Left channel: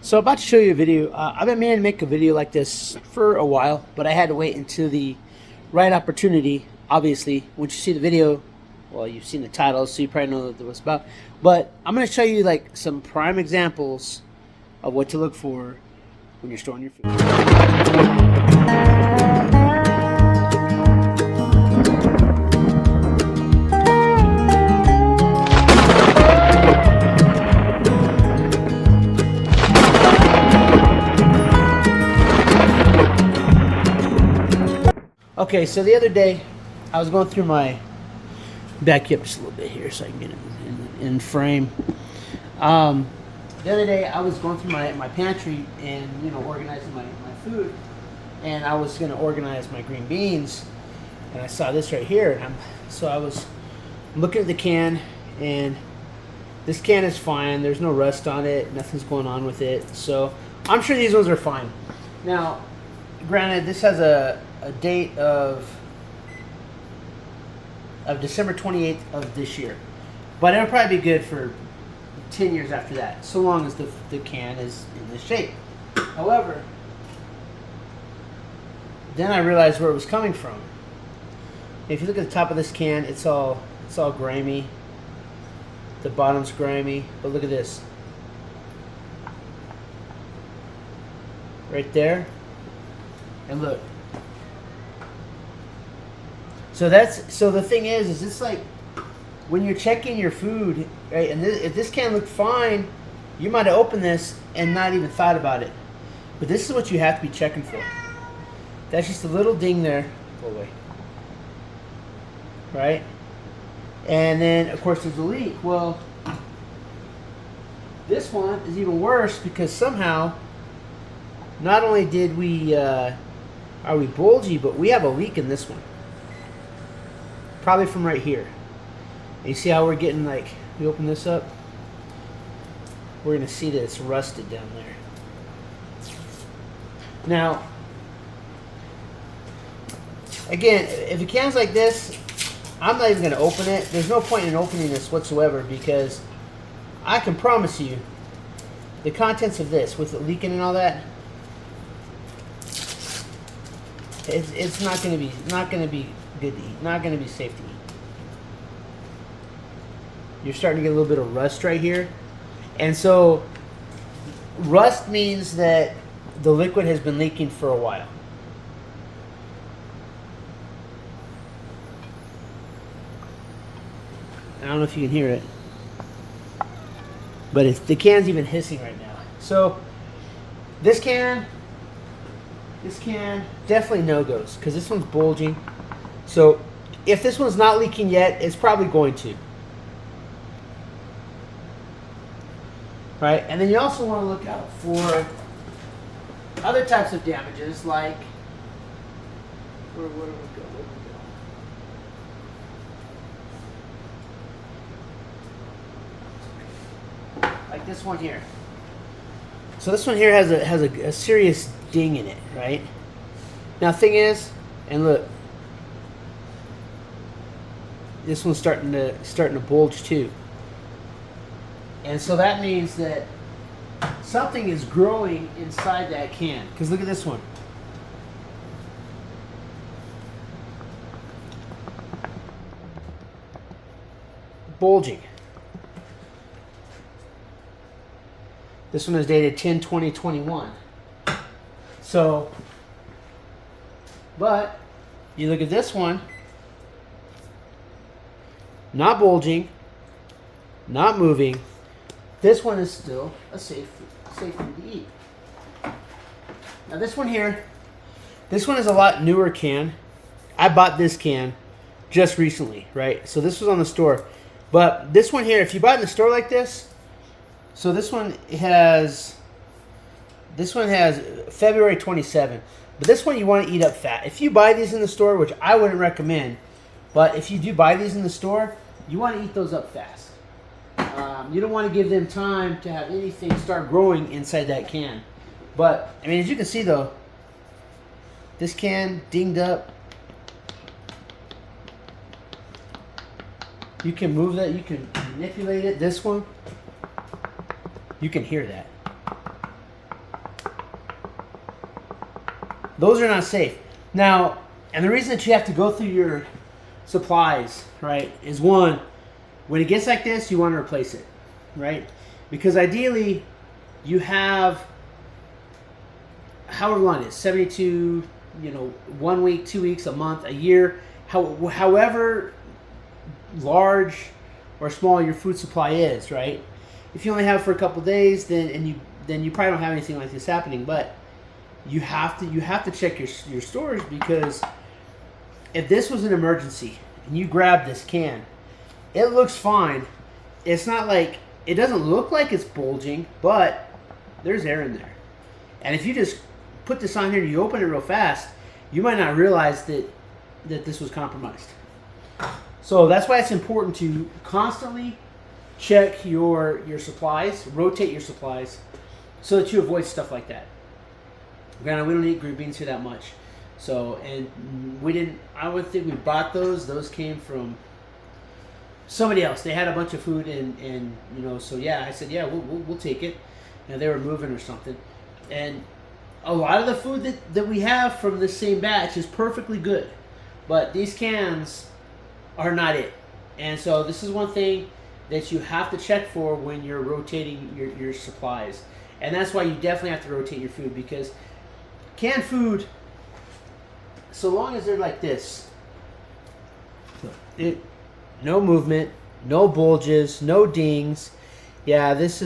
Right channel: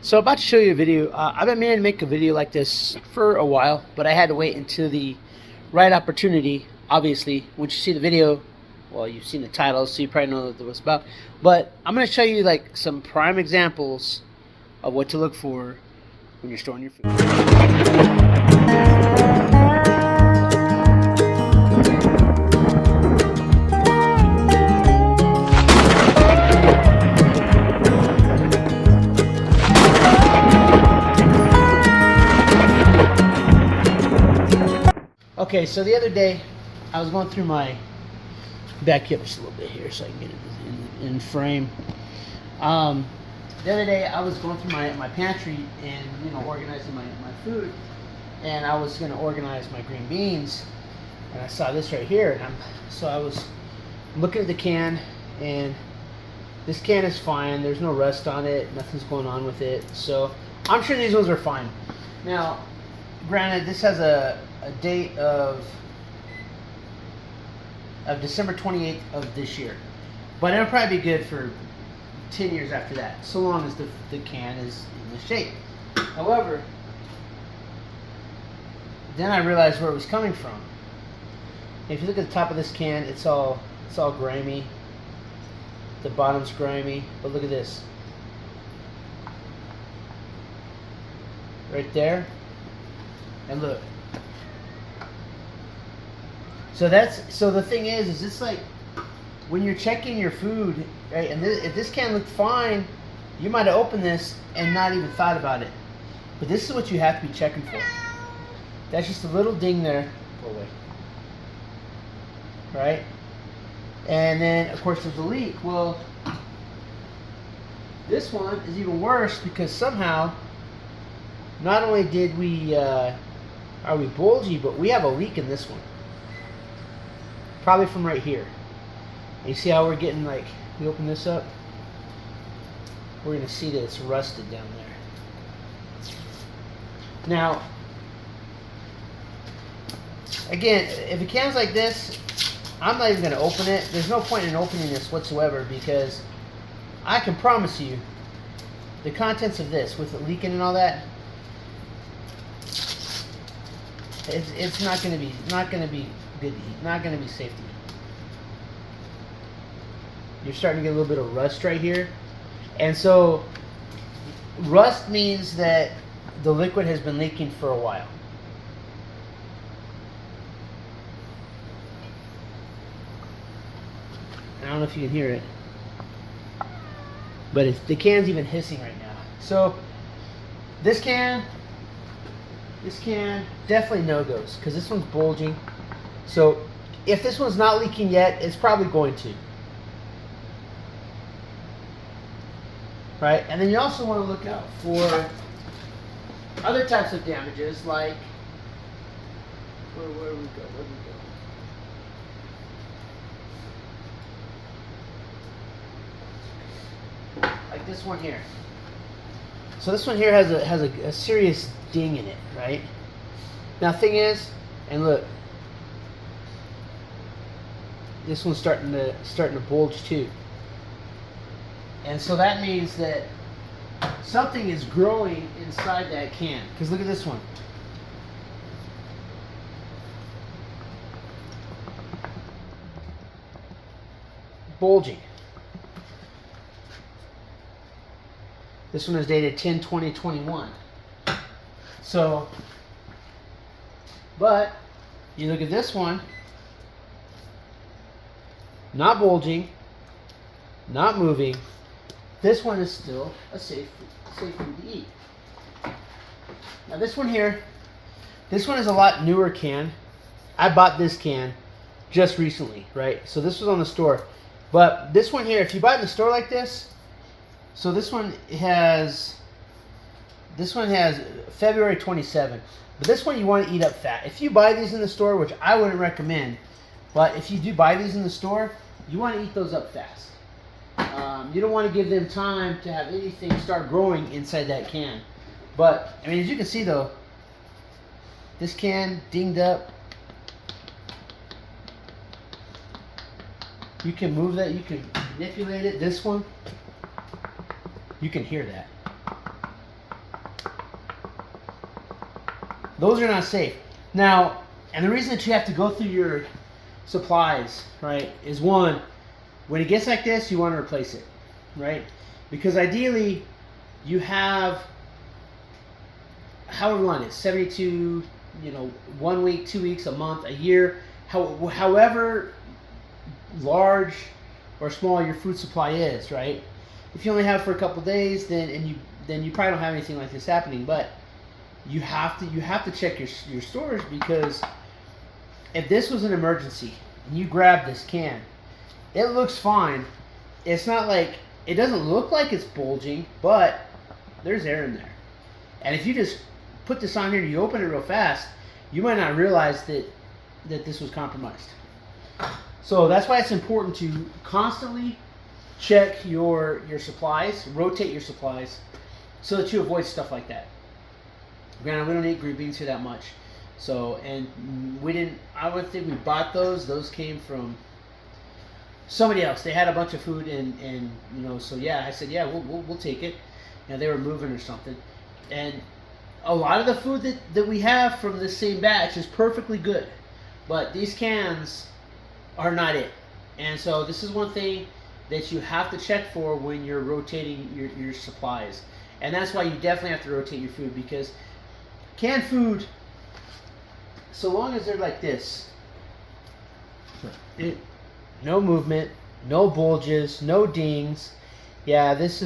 So about to show you a video. I've been meaning to make a video like this for a while, but I had to wait until the right opportunity. Obviously, once you see the video, well, you've seen the title, so you probably know what it's about. But I'm going to show you like some prime examples of what to look for when you're storing your food. Okay, so the other day, I was going through my back up just a little bit here so I can get it in frame. The other day, I was going through my pantry and organizing my food, and I was going to organize my green beans, and I saw this right here, and so I was looking at the can, and this can is fine. There's no rust on it. Nothing's going on with it, so I'm sure these ones are fine. Now, granted, this has a date of December 28th of this year, but it'll probably be good for 10 years after that, so long as the can is in this shape. However, then I realized where it was coming from. If you look at the top of this can, it's all grimy. The bottom's grimy, but look at this. Right there. And look. So the thing is it's like when you're checking your food, right? And if this can look fine, you might have opened this and not even thought about it. But this is what you have to be checking for. That's just a little ding there. Go away. Right? And then of course there's a leak. Well, this one is even worse because somehow not only did we are we bulgy, but we have a leak in this one. Probably from right here. You see how we're getting, like, we open this up, we're going to see that it's rusted down there. Now, again, if a can's like this, I'm not even going to open it. There's no point in opening this whatsoever because I can promise you the contents of this, with it leaking and all that, it's not going to be good to eat, not going to be safe to eat. You're starting to get a little bit of rust right here, and so rust means that the liquid has been leaking for a while. I don't know if you can hear it, but the can's even hissing right now. So this can definitely no-goes because this one's bulging. So if this one's not leaking yet, it's probably going to. Right? And then you also want to look out for other types of damages, like where do we go? Like this one here. So this one here has a serious ding in it, right? Now thing is, and look, this one's starting to bulge too. And so that means that something is growing inside that can. Because look at this one. Bulging. This one is dated 10/20/21. So, but you look at this one, not bulging, not moving. This one is still a safe food to eat. Now this one here, this one is a lot newer can. I bought this can just recently, right? So this was on the store. But this one here, if you buy it in the store like this, so this one has February 27. But this one you want to eat up fat. If you buy these in the store, which I wouldn't recommend, but if you do buy these in the store, you want to eat those up fast. You don't want to give them time to have anything start growing inside that can. But, I mean, as you can see though, this can dinged up. You can move that, you can manipulate it. This one, you can hear that. Those are not safe. Now, and the reason that you have to go through your supplies, right, is one, when it gets like this, you want to replace it, right? Because ideally, you have however long it is, 72, 1 week, 2 weeks, a month, a year, however large or small your food supply is, right? If you only have it for a couple days, then you probably don't have anything like this happening. But you have to check your storage, because if this was an emergency and you grab this can, it looks fine. It's not like, it doesn't look like it's bulging, but there's air in there. And if you just put this on here and you open it real fast, you might not realize that this was compromised. So that's why it's important to constantly check your supplies, rotate your supplies, so that you avoid stuff like that. Granted, we don't eat green beans here that much. So, and we didn't, I would think we bought those. Those came from somebody else. They had a bunch of food, and so yeah, I said, yeah, we'll take it. Now they were moving or something. And a lot of the food that we have from the same batch is perfectly good. But these cans are not it. And so this is one thing that you have to check for when you're rotating your supplies. And that's why you definitely have to rotate your food, because canned food, so long as they're like this, no movement, no bulges, no dings. Yeah, this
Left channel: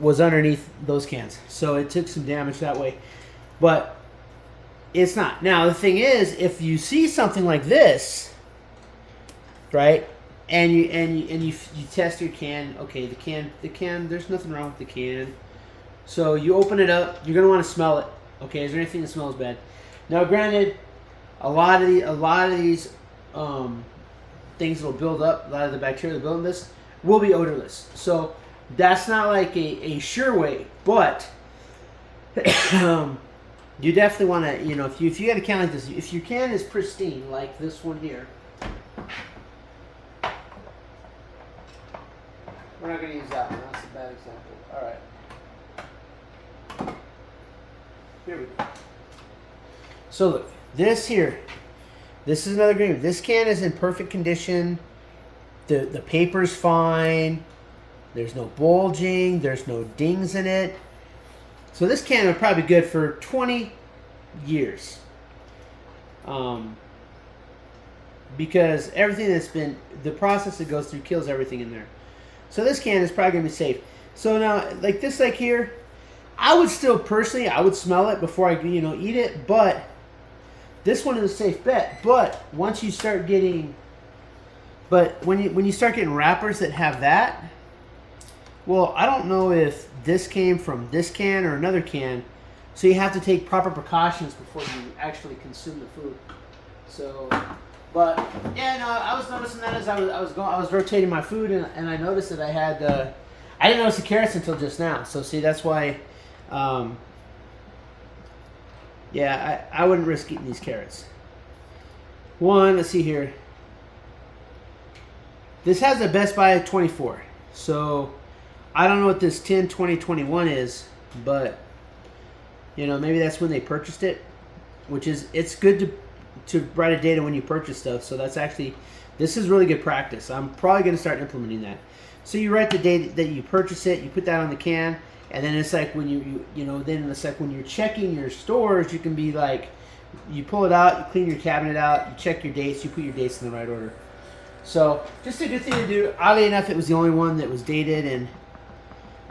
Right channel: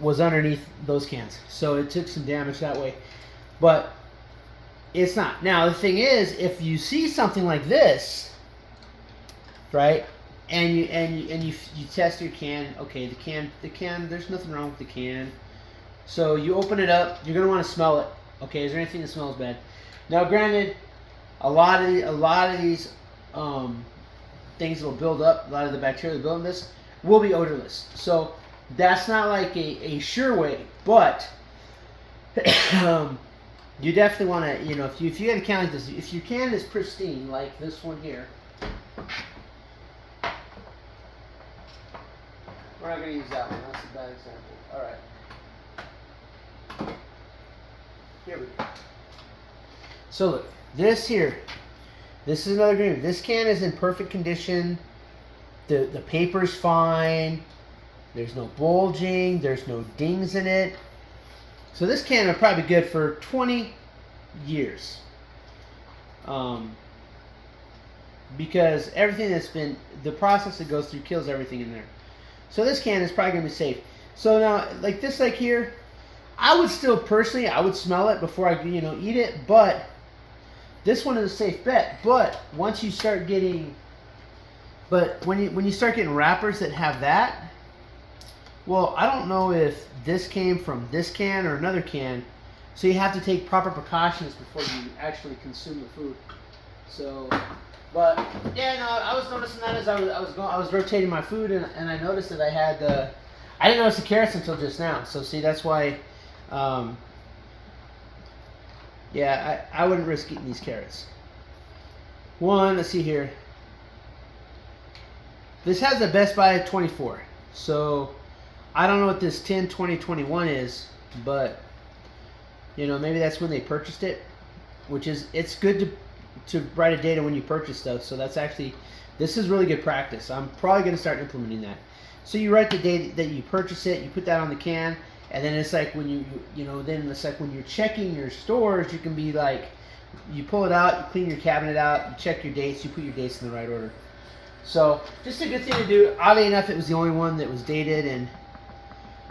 was underneath those cans, so it took some damage that way. But it's not. Now the thing is, if you see something like this, right, and you test your can, okay, the can, there's nothing wrong with the can. So you open it up, you're gonna want to smell it. Okay, is there anything that smells bad? Now, granted, a lot of these things that will build up, a lot of the bacteria that build in this will be odorless. So that's not like a sure way, but you definitely want to, if you get a can like this, if your can is pristine like this one here, we're not going to use that one. That's a bad example. All right. Here we go. So look, this here, this is another green. This can is in perfect condition. The paper's fine. There's no bulging. There's no dings in it. So this can would probably be good for 20 years. Because everything that's been, the process it goes through kills everything in there. So this can is probably going to be safe. So now, like this, like here, I would still personally, I would smell it before I, eat it. But this one is a safe bet. But once you start getting, when you start getting wrappers that have that, well, I don't know if this came from this can or another can. So you have to take proper precautions before you actually consume the food. So, but yeah, no, I was noticing that as I was rotating my food, and I noticed that I had I didn't notice the carrots until just now. So see, that's why. Yeah, I wouldn't risk eating these carrots. One, let's see here. This has a Best Buy 24. So I don't know what this 10, 20, 21 is, but maybe that's when they purchased it, which is, it's good to write a date on when you purchase stuff. So that's actually, this is really good practice. I'm probably going to start implementing that. So you write the date that you purchase it, you put that on the can, and then it's like when then it's like when you're checking your stores, you can be like, you pull it out, you clean your cabinet out, you check your dates, you put your dates in the right order. So just a good thing to do. Oddly enough, it was the only one that was dated, and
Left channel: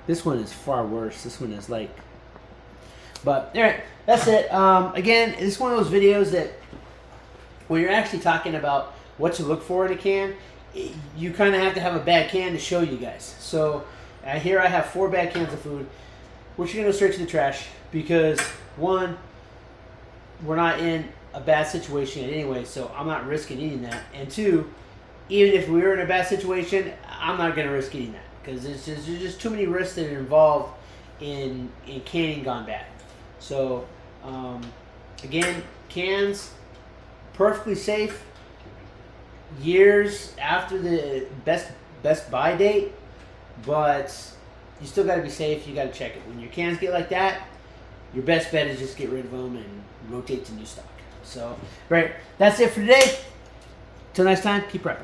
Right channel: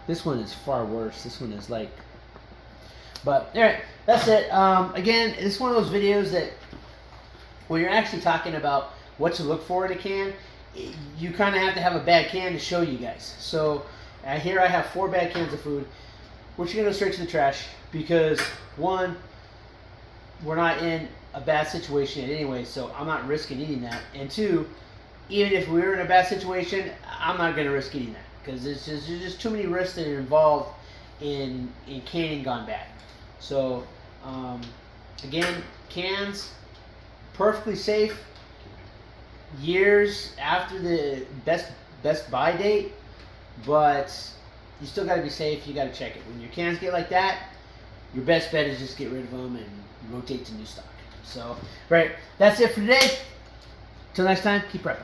this one is far worse. This one is like, but all right, that's it. Again, this is one of those videos that when you're actually talking about what to look for in a can, you kind of have to have a bad can to show you guys. So here I have 4 bad cans of food, which are going to go straight to the trash because, one, we're not in a bad situation yet anyway, so I'm not risking eating that. And 2, even if we were in a bad situation, I'm not going to risk eating that because there's just too many risks that are involved in canning gone bad. So, again, cans, perfectly safe, years after the best buy date, but you still got to be safe. You got to check it. When your cans get like that, your best bet is just get rid of them and rotate to new stock. So, right, that's it for today. Till next time, keep prepping.